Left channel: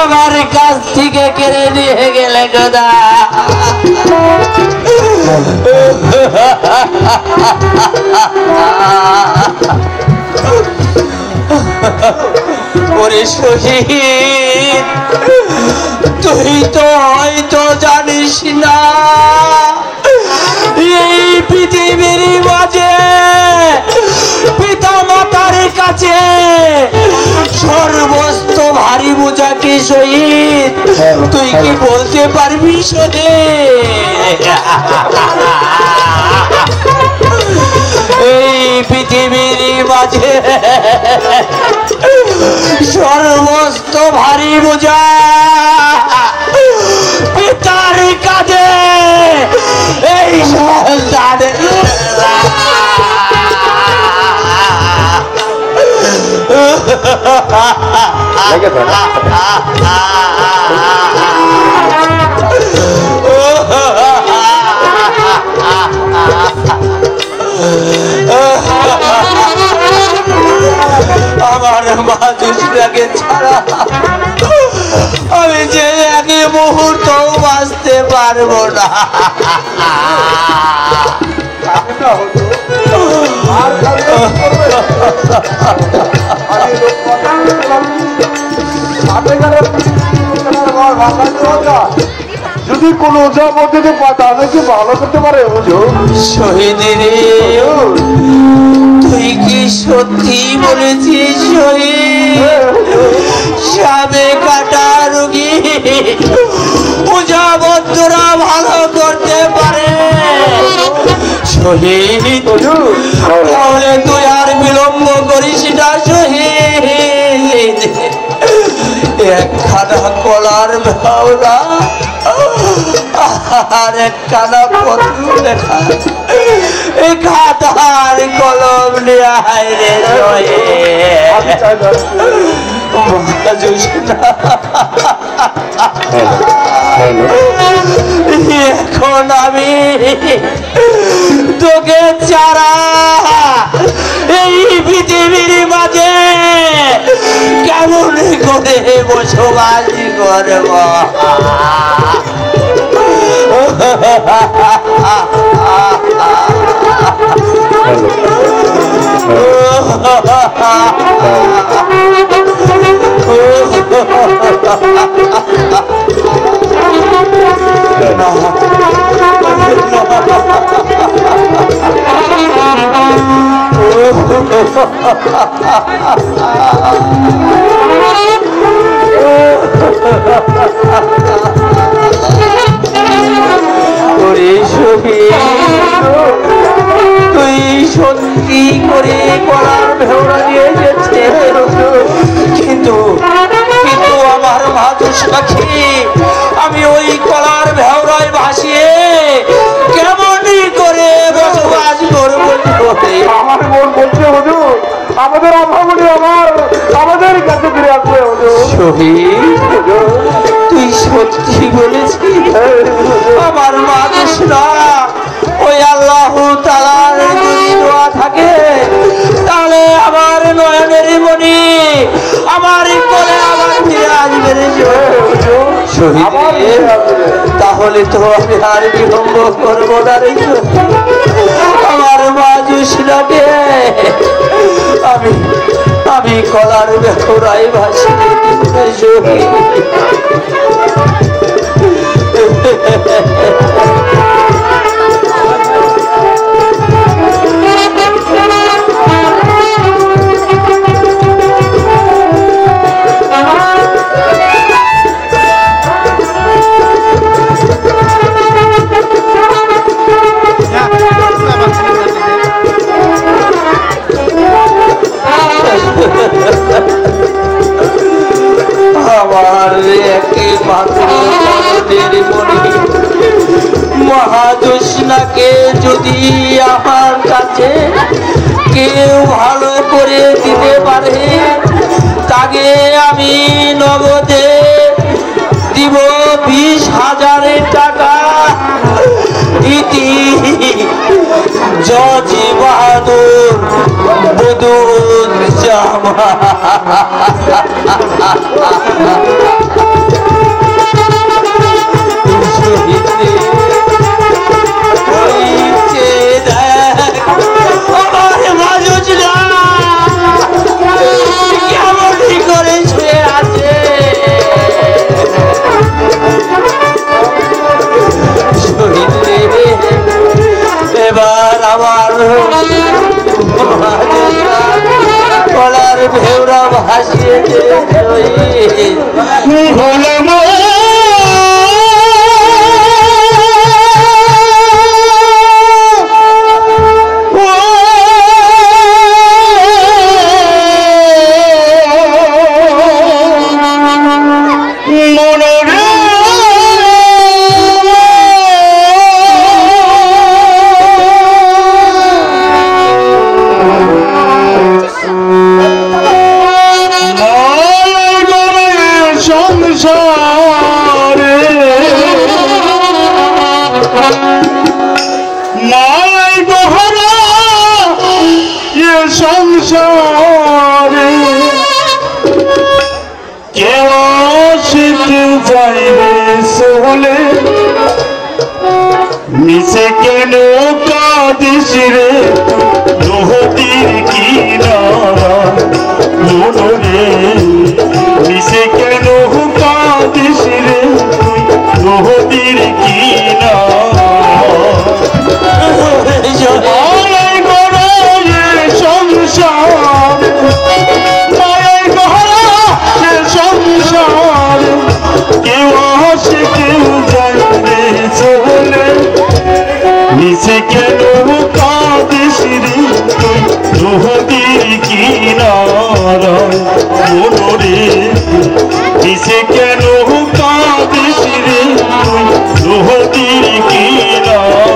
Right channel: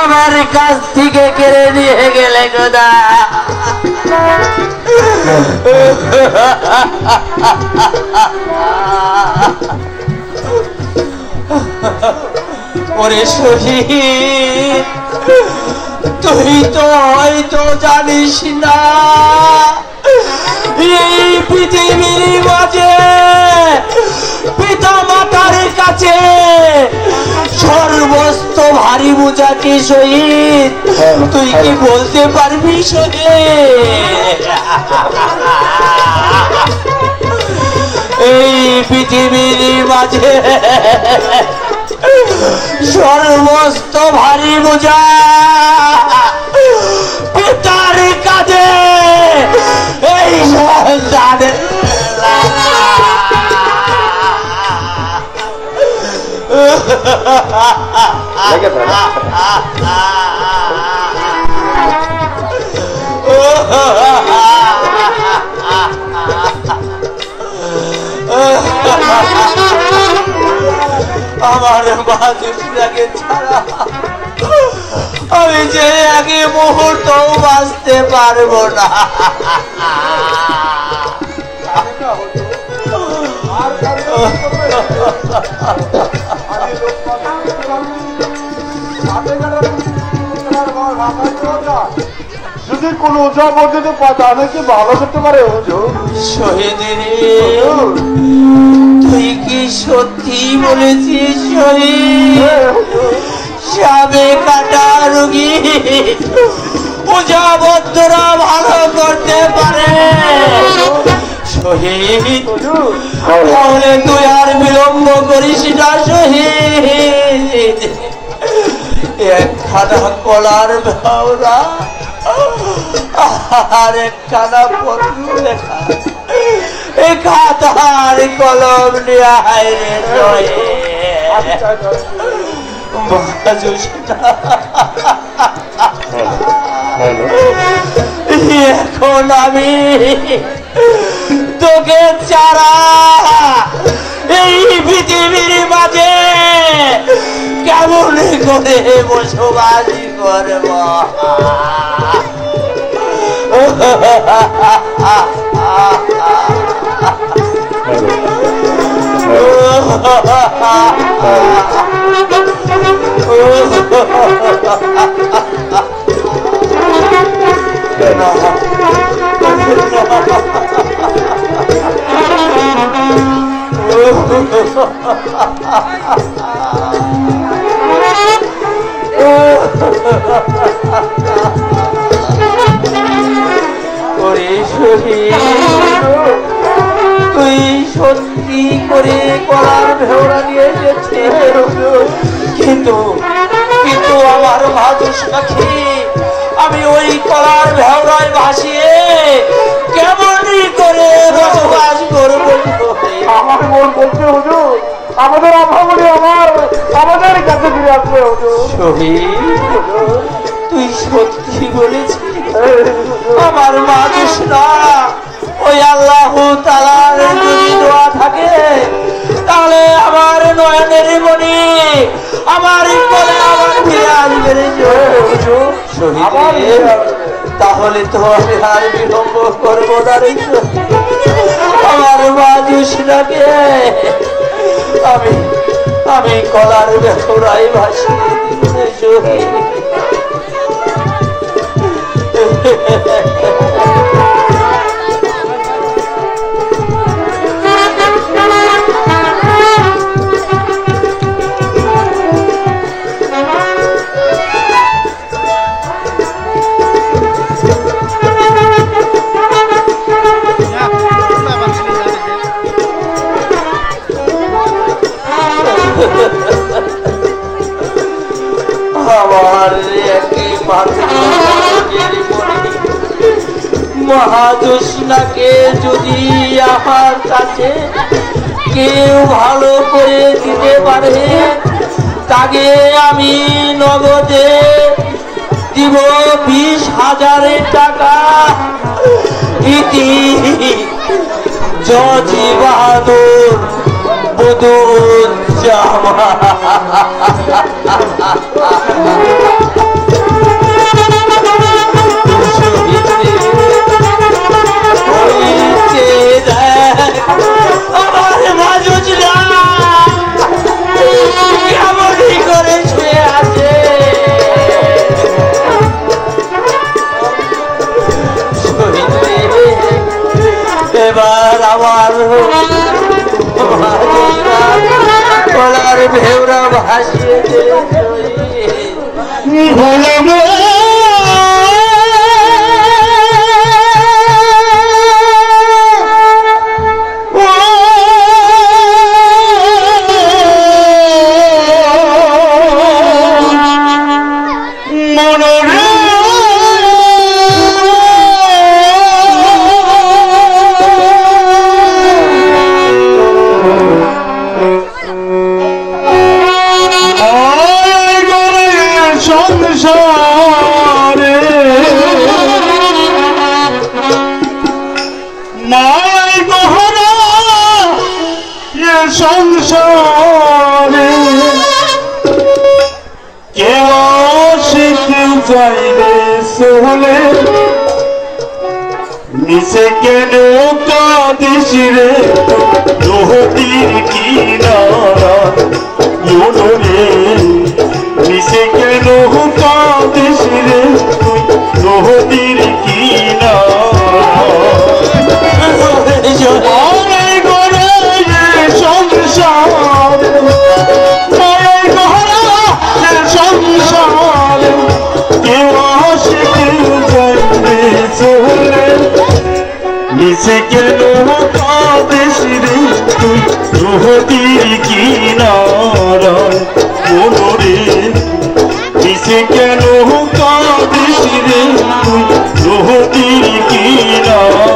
আমার কাছ থেকে কেড়ে নিয়ে গেলে খোদা। ওরে শহীদ, তুই তো হয়তো জানিস না এই পৃথিবীর মাঝে পিতা মাতার কাছে সর্বস্ত ভারী বোঝা কি শহীদ? তুই কি বলতে পারবি শহীদ? এই পৃথিবীর মাঝে সর্বস্ত ভারী বোঝা পিতার কাঁধে এই সন্তানের। আমার মা দুষ্টাকে ছাড়া আমি যে এক মুহূর্ত বাঁচতে পারবো না। যদি কোন ওঝা পদ্ধতি তাদেরকে ভালো করতে পারে শহীদের, তুই কি সত্যি বলেছিস শহীদ? সাবে কাটা রোগী ওঝা বদ্ধরা ভালো করতে পারে শহীদ? তাহলে তুই আর বিলম্ব করিস না শহীদ। একখানা কলার ভাওনা আর একখানা পত্র লেখা এই খাতার কলম নিয়ে আইরে এখন আমি তোকে চারা এই পৃথিবীর মাঝে কেমন করে বসবাস করব? তুই সত্যি করে কলার ভেওড়া নিয়ে এসেছে, কিন্তু কিন্তু আমার ভাদুস পাখি আমি ওই কলার ভেওড়ায় ভাসিয়ে কেমনই করে বসবাস করবো? আমার মন বলছে হুজুর আমাদের আভাবলি আমাদের কাছে ফিরে আসবে শহীদ। তুই সত্যি বলেছিস? আমার মানুষরা ওই আল্লাহ তাআলার যদি দোয়া থাকে তাহলে আমার নয়নের মণি আমার করে আবার ফিরে আসবে শহীদ। তাহলে তো আমি আর বিলম্ব করবো না রে। আমার মানুষরাকে আমি কলার ভেতরাই ভাসি শহীদ। আমার মহাদুষ্ণাকে যদি আমার কাছে কেউ ভালো করে দিতে পারে তাকে আমি নগদে দিব 20,000 টাকা। ইতি জজি বাহাদুর বুদুজ্জামান। সংসারে কেউ আসতে চাইলে সোলে মিশে কেন কাঁদিস রে নদীর কিনারা রে মিশে কেন কাঁদিস রে নদীর কিনারা নিচে কেন কাঁদিস রে তুই নদীর কিনারা মোরে নিচে কেন কাঁদিস রে তুই নদীর কিনারা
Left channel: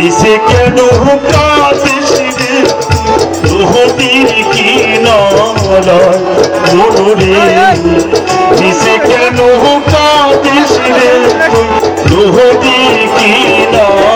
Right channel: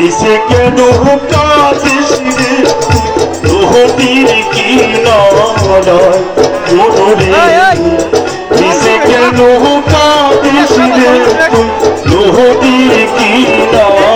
নিচে কেন কাঁদিস রে নদীর কিনারা মোরে নিচে কেন কাঁদিস রে নদীর কিনারা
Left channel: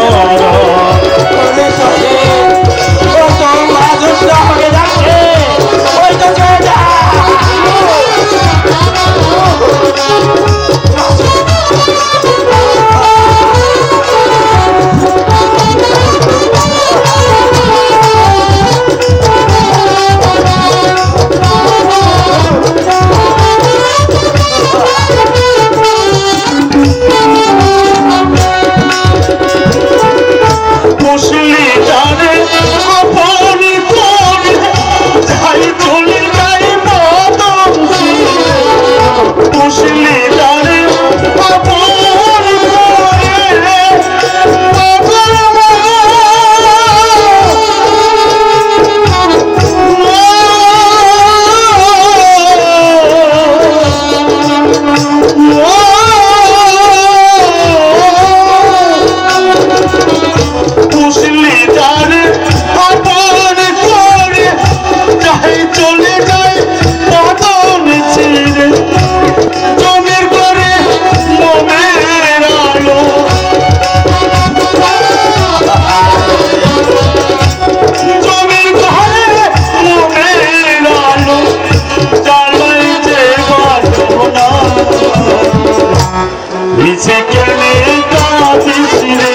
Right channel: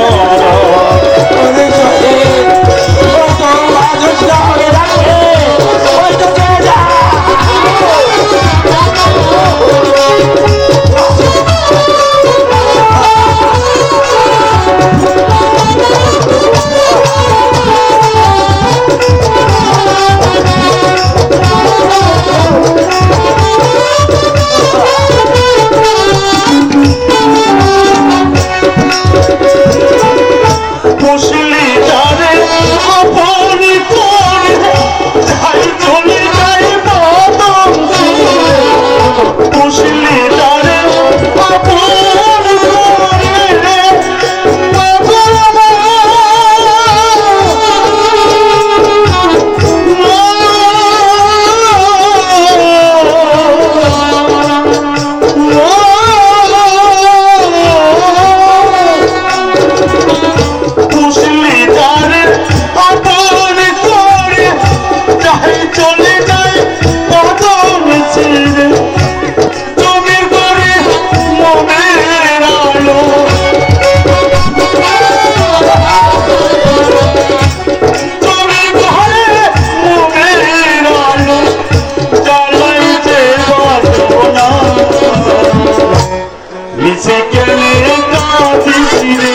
নিচে কেন কাঁদিস রে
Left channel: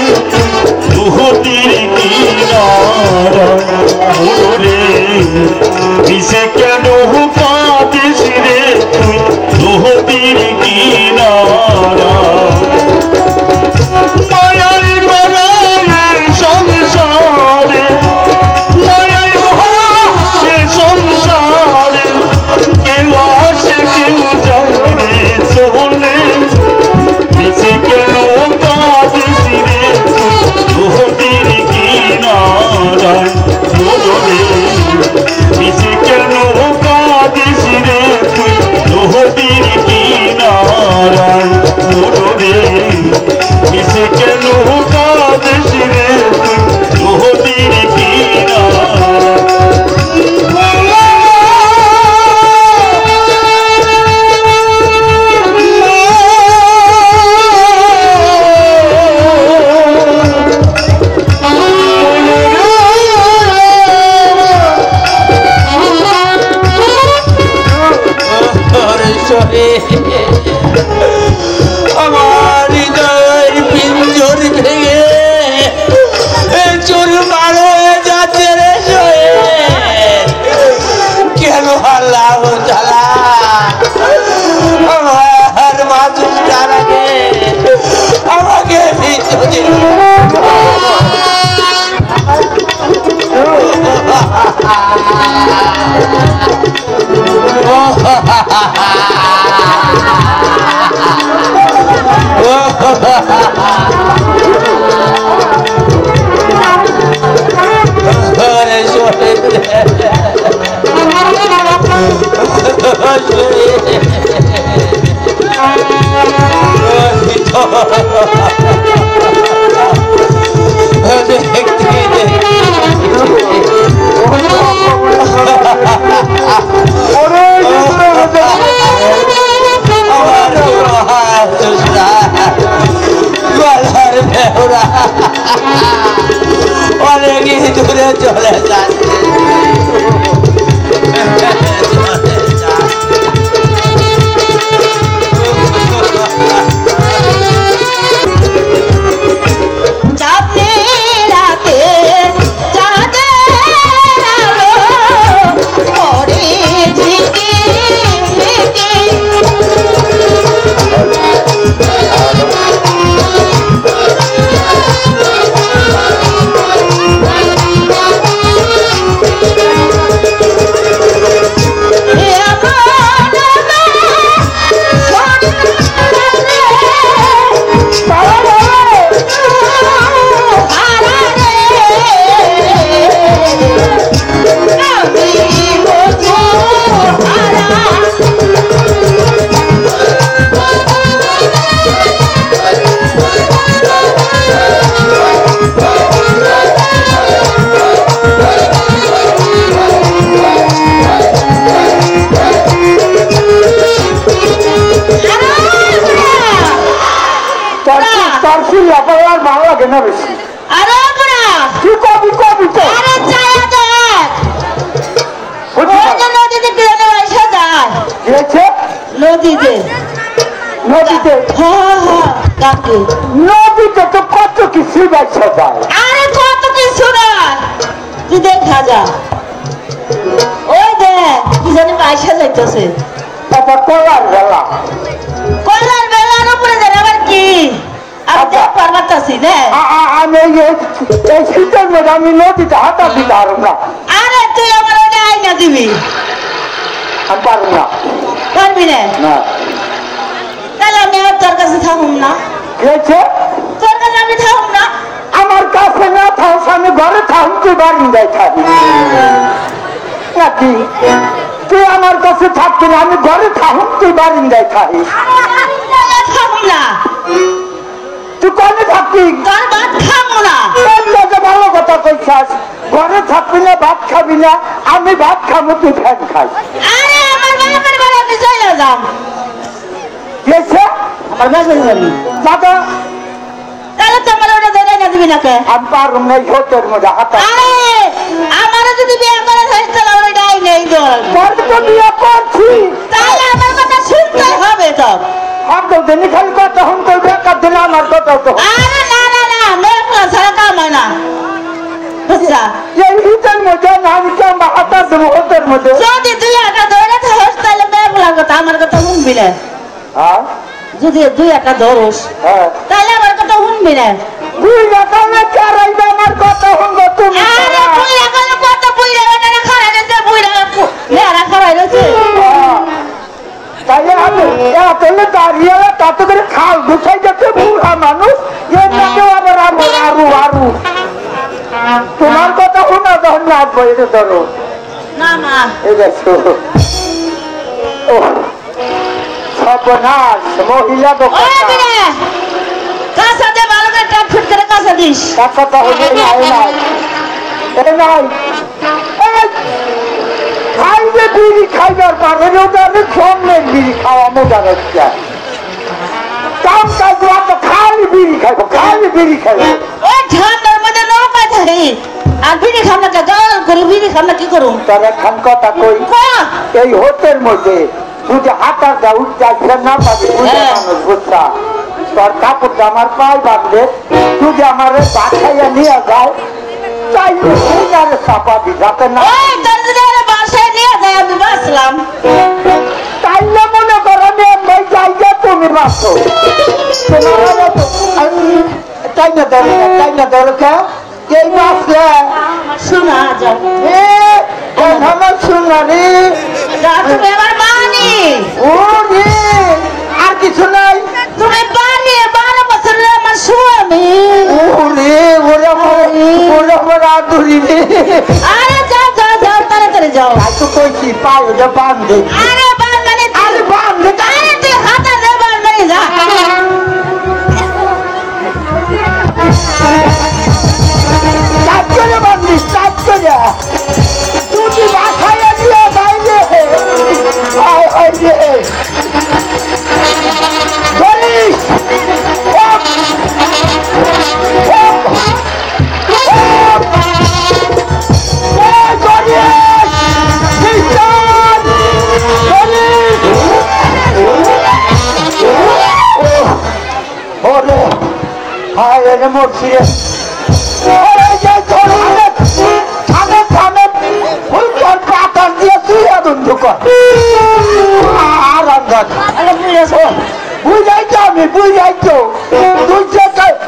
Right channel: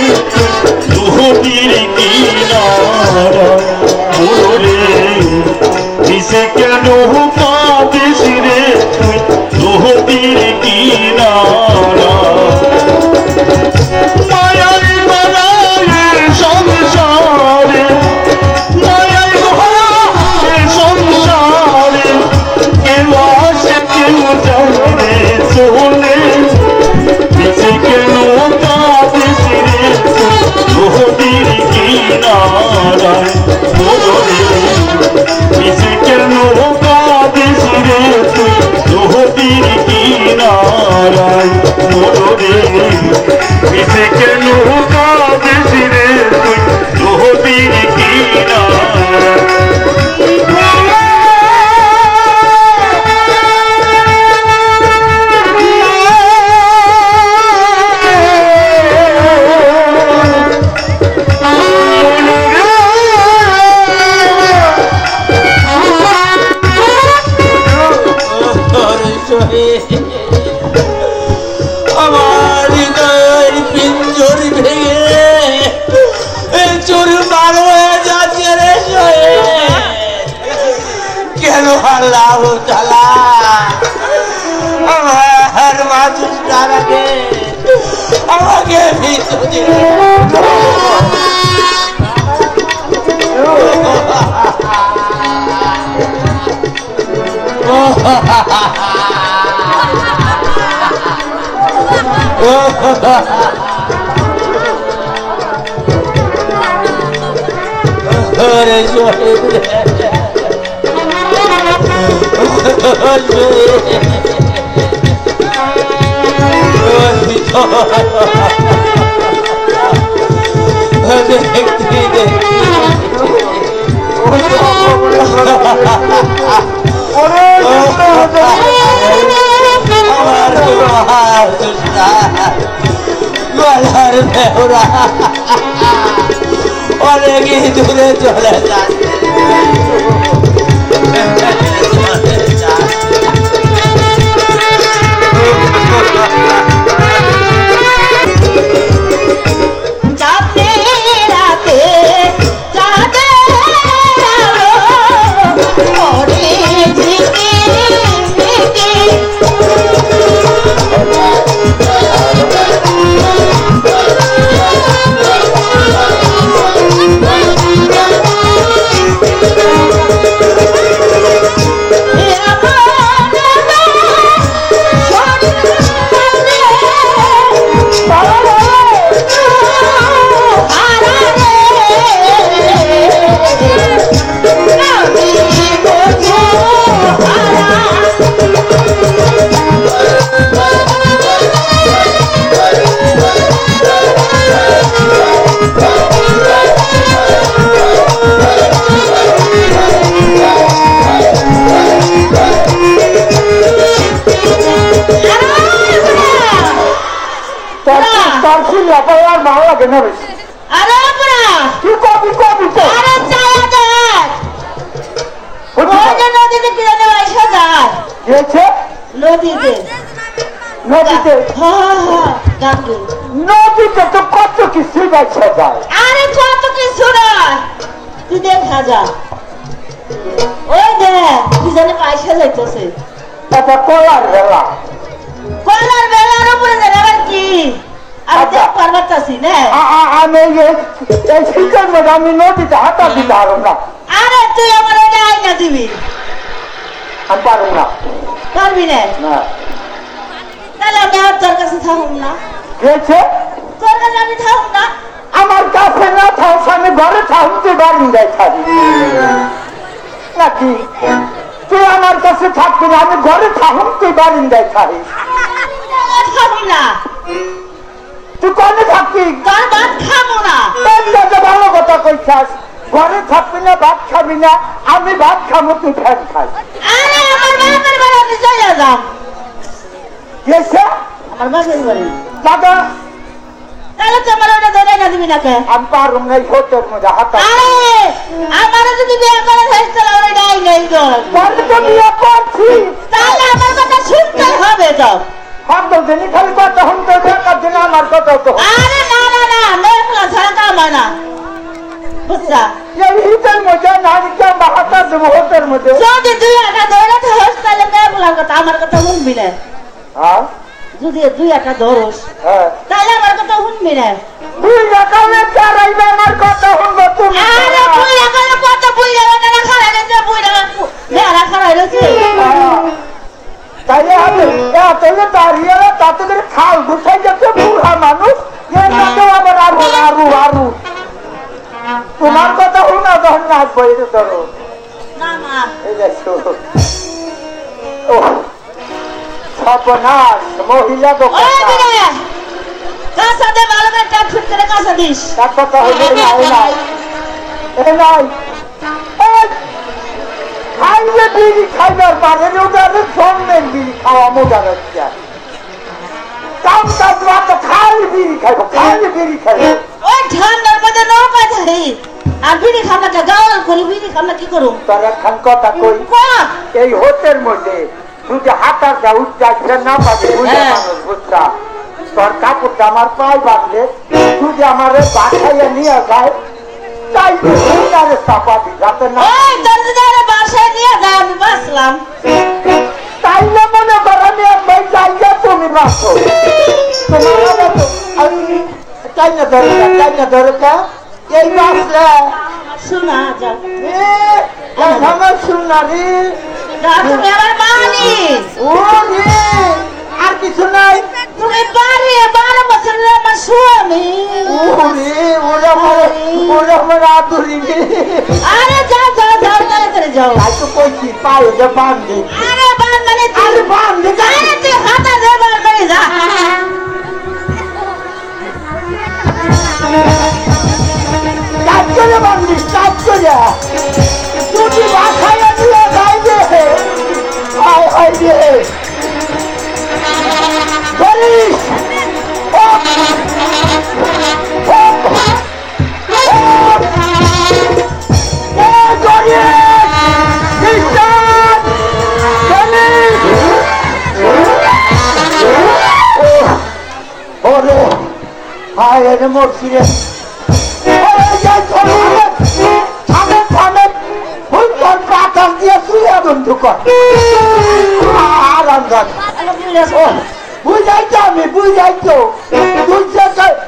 নদীর কিনারা মোরে নিচে কেন কাঁদিস রে তুই অনেক দূরে চলে নদীতে নদীতে নদীতে তো কত কিছু দেখা যায়। আরে কত কিছু না তুই দেখা যা ওই দেখ কি জানি পয়সা যাইতেছে এটা কলার বেলা কলার বেলার উপরে আবার কি আর দেখ পারবাতাছি না আমি এই শীতের মধ্যে আমি নদীতে হাঁটা দিতে পারব না। আরে তুই আমার আইনা দিবি আমি পারব না। পারবি না না তাহলে আমি আর তোর কাছে থাকুম না। গেছে তোর কাছে আমি থাকুম না। আমার কাছে না থাকস আমি ঘরে থাকুন তুই বাড়ি যাই থাকি নাকি তুই আমার কাছে থাকবি না আমি ঘরে থাকুন তুই বাড়ি যাই থাকিস থাকুম না তুই কনে থাকবি তোর ভাত খাবো না। ভালো কথা কইছাস ঘরে থাকবি না ভাত খাবি না আমি ভাত খাবো তুই ফ্যান খাই। আরে আমার বাপের বাড়ি আপনি চলে যান। গেছে আমার বাপের বাড়ি দাদা তাহলে তোমার ওটা ধরে না দিবি না কে আমি পারব না হোটের মধ্যে হাঁটা। আরে আমারও যদি বিয়ে করে থাকিস তাহলে আমার ডাই নেই তোর তো বিয়ে করছি তাহলে আমার কথা শুনতেই হবে তো। দিন খালি কথা শুনতে বেকার দিন আমার কথা তো আরে না না না মেঘলা ছাড়া কাম হয় না বুঝছা এই হিটের মধ্যে নামকে আমরা হাঁটা দেবো হোটের মধ্যে যদি দুই একটা ধরে থাকিস তাহলে মেঘলার কথা আমার কথা শুনবি না। হ্যাঁ যদি দুই একটা ধরস হ্যাঁ তাহলে আমার কথা শুনবি না। দুই একালে চারাইবে আমার কথা শুনবো তুমি আরে তুই এখন কত বুইরা না খারাই না বুইরা না খারাই রয়েছে তাই তাহলে দাঁড়িয়ে তত করে খাল গুছাই যাচ্ছে বুড়া মানুষ এর মধ্যে আবার আরু আরু আরু তোমার কথা শোনা তখন লাগবো এটা ধরো না না এই দেখো সর্বনাশ মহিলা কাঁচা দে ভালো করে টাক ফিট করে কাঁচা দিস তার কথা হইলে নাই খাইলে বিড়ি খাইবার পারে আমি সঙ্গের বিড়ি খাওয়া মজা হচ্ছে কাম কাজ তো খালি বিড়ি খাইবো খালি বিড়ি খাইবো ওই ঠান্ডার মধ্যে নৌকা ধরি আর বিড়ি খামটা গাল করে বিড়ি খামটা কি করুম তার এখন কথা কই এই হোটের মধ্যে তুই যে হাতার যা উঠ যাচ্ছে না পাবি বুঝলা তোর কাপড়টা আমার পায়ে বাঁধলে তুই যে আমার বাসাইয়া নিয়ে যায় তাই চাপাবি যাতে না বাসায় নিয়ে যায় আমি বাঁচলাম তাই না মনে করেন জায়গা তুমি বাঁচো তাই না দরকার এই বাঁচলে শোনা যাও আমার শোনা রে তুমি আমার বানি ও রে আর কিছু নাই তুমি বানি 12 বছরের আমার স্বামী ওরে ওরে আমার আদুরি রে আরে যাও তাড়াতাড়ি যাও তো কইছি পাও যে বাম দে আরে বান মানে আরে বাম দে আরে তুই হাতে দে বান মানে যা চাপ করে বান্ধি চাপ করে তুই বাসায় দিয়ে যাইবে আয় রে গরিস বুঝাইছো আমি বুঝাইছো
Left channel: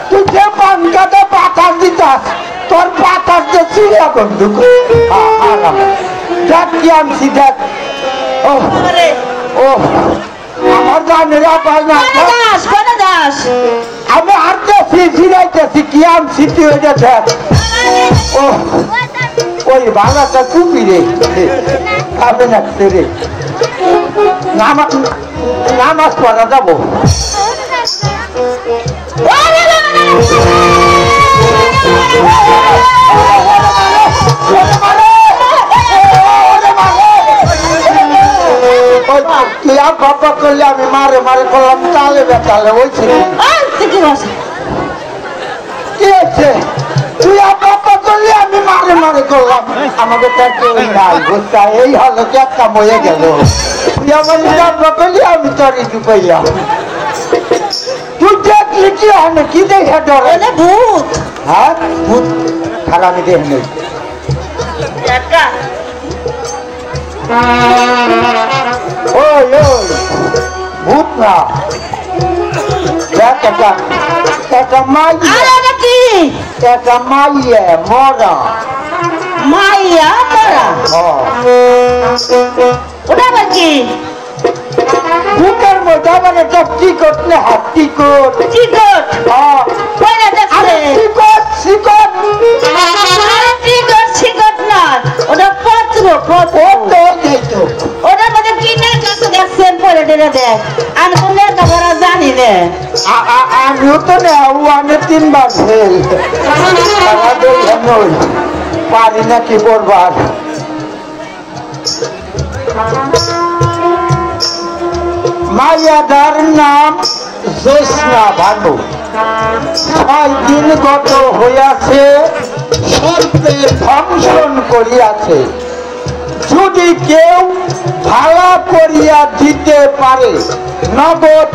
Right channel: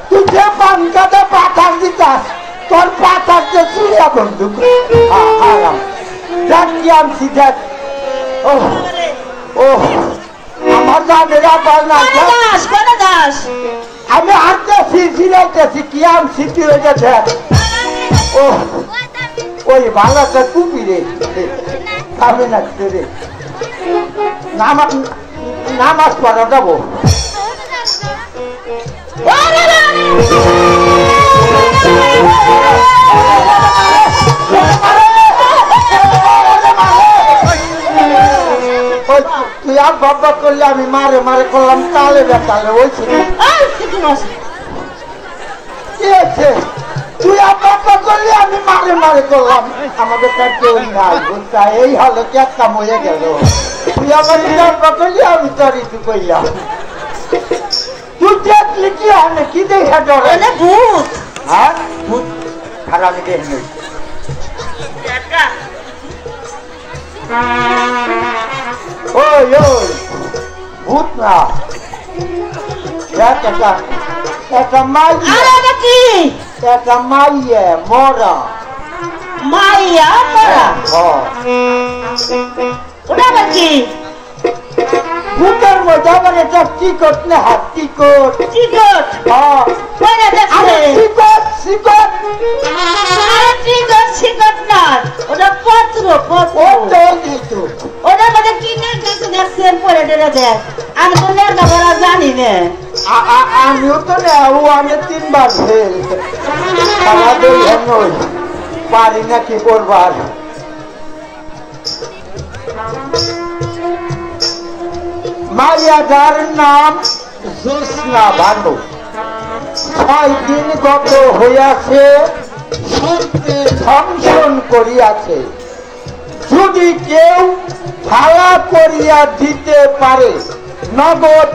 তুই যে পানকাতে পাতার দিতাস তোর পাতার যে চুরিয়া বন্ধুক দেখ কি আনছি দেখ ও আমার জানেরা পাল না দাস আমি হাঁটতেছি ফিরাইতেছি কি আনছি তুই ওই যে দেখ ও ওই ভাঙাটা চুপি রে খাবে না রে নামাজ পড়া যাবো তুই আর বাবা করলে আমি মারে করলাম তালে বেতালে ওই ছিল কি আছে তুই আর বাবা করলে আমি মারে করলাম আমাদের তার কেউ নাই বুঝতা এই হলো কি একটা মরে গেল তুই আমার বাবা করলে আমি তরি ঢুকাইয়া তুই দেখলি কি আমি কি দেখে ডরে ভূত হ্যাঁ ভূত খারাপ আমি দেখ নেই ওই ভূত না একটা মাইয়া মরা মাইয়া মরা ওটা নাকি ভূতের মতো মানে তো টিকট না হাত টিকট টিকট টিকট না ওটা পত্র ওটা মানে কিনে কাছে দেখছেন পরে দেখ আমি তো লেখাপড়া জানি না আমিও তো নেও আমি 3 বার ফেল আমাদের পারি না কি করবার মায়াদার নাম জ্যোৎস্না ভানু 6 দিন গত হইয়াছে সর্পে দংশন করিয়াছে যদি কেউ ভাড়া করিয়া দিতে পারে নগদ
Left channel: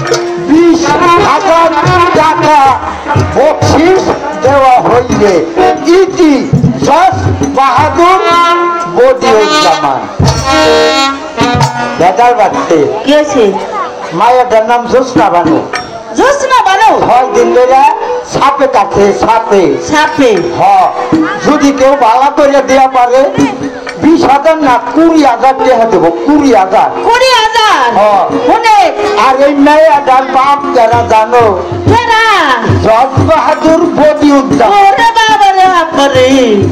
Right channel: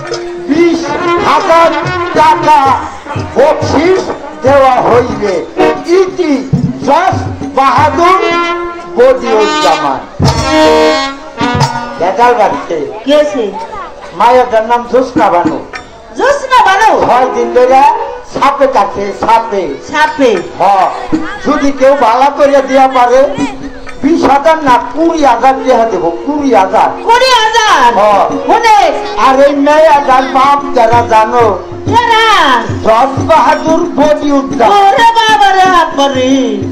20,000 টাকা বকশিস দেওয়া হইবে ইতি জস বাহাদুর বদিউজ্জামান বেদার বাড়ছে কি হয়েছে মায়ের নাম জ্যোৎস্না ভানু 6 দিন ধরে সাপে কাছে সাপে যদি কেউ ভাড়া করে দেওয়া পারে 20,000 না 20,000 টাকা দেবো 20,000 20,000 আর আর এই মেয়েটার বাপ যারা জানো জজ বাহাদুর বদি উদ্যান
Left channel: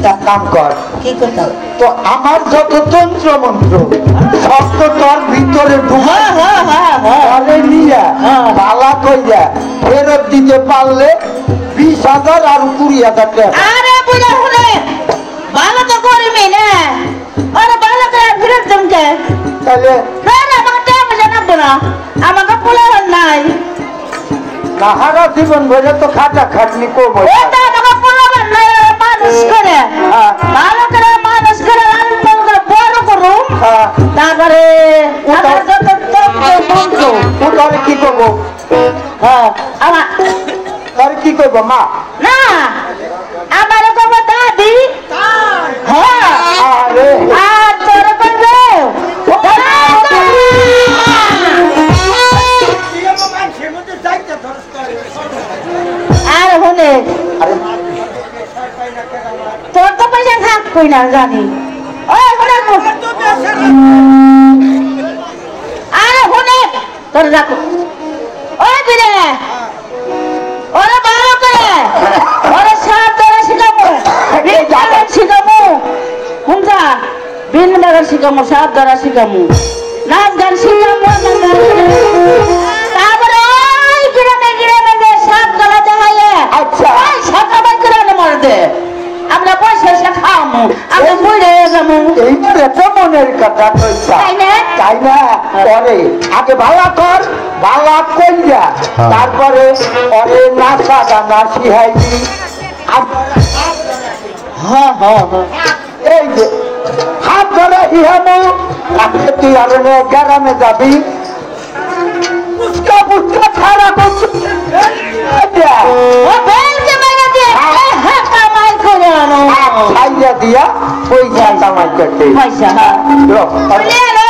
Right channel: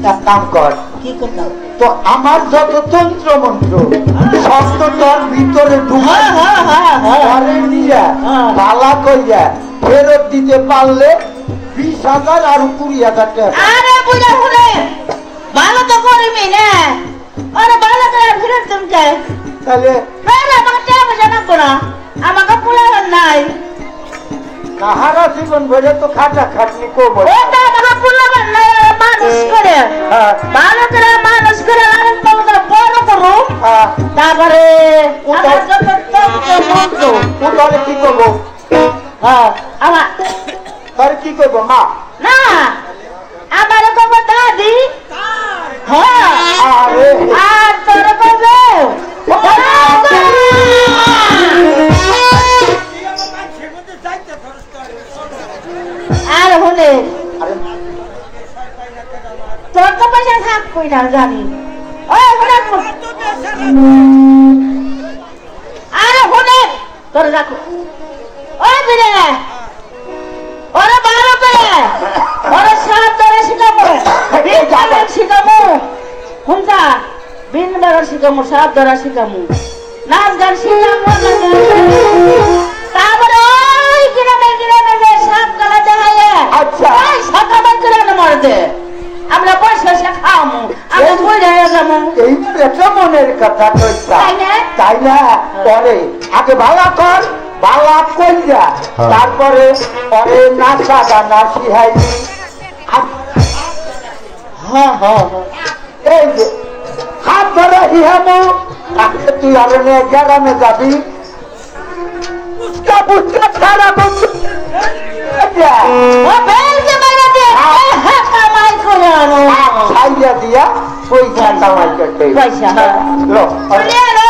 তার নাম কর কি করতাম তো আমার যত তন্ত্র মন্ত্র সব তো তোর ভিতরে ডুবে নিয়ে পালা কইয়া ফেরত দিতে পারলে 20,000 আর 20,000 টাকা আরে বুঝা শুনে ভালো তো করিনি না আরে ভালো তো ফিরে তুমি তাহলে না না আমাকে বুঝা না আমাকে পোলা নাই সাহারা জীবন ভরে তো খাটা খাটনি করবো ওটা আমাকে পোলা নাই মানুষ করে ভালো করে মানুষ করে আর বড় করো তারপরে তাহলে কি করবো হ্যাঁ আমার তাহলে কি করবো মা না আমার করবো দাদি হ্যাঁ আরে আর তোর করবো আর হলে তোর তো পয়সা থাকবই না জানি আরে হলে তোর রাখো ওই বিরে ওরা বারো করে ওরা সাত ধরে শিখাবো শিখাবো হুমজা বিন ধরা শিখাবো সাত ধরা শিখাবো নাচ গান শিখাবো তারপরে ওই গ্রামে গ্রামে যে সাত ধরা দেখাইলে আচ্ছা সকালে গ্রামে মারতে আমরা পয়সা খাওয়াবো আমি ঘুরে যাবো এইবার একটা মনের কথা তাই না তাই না পরে আগে ভালো কর ভালো কইয়া তারপরে পরে নাচা গানা শিখাইবি হ্যাঁ হ্যাঁ হ্যাঁ এই যে হাত ধরে শিখাবো তাকে তুই আরো গ্রামে যাবি পুচকা পুচকা ছাড়া ও বেলকে মাইনা দিয়ে হ্যাঁ কামাই করে আনো ছাইয়া দিয়া পয়সা কামাই করতে পয়সা হ্যাঁ লো, চলে আনো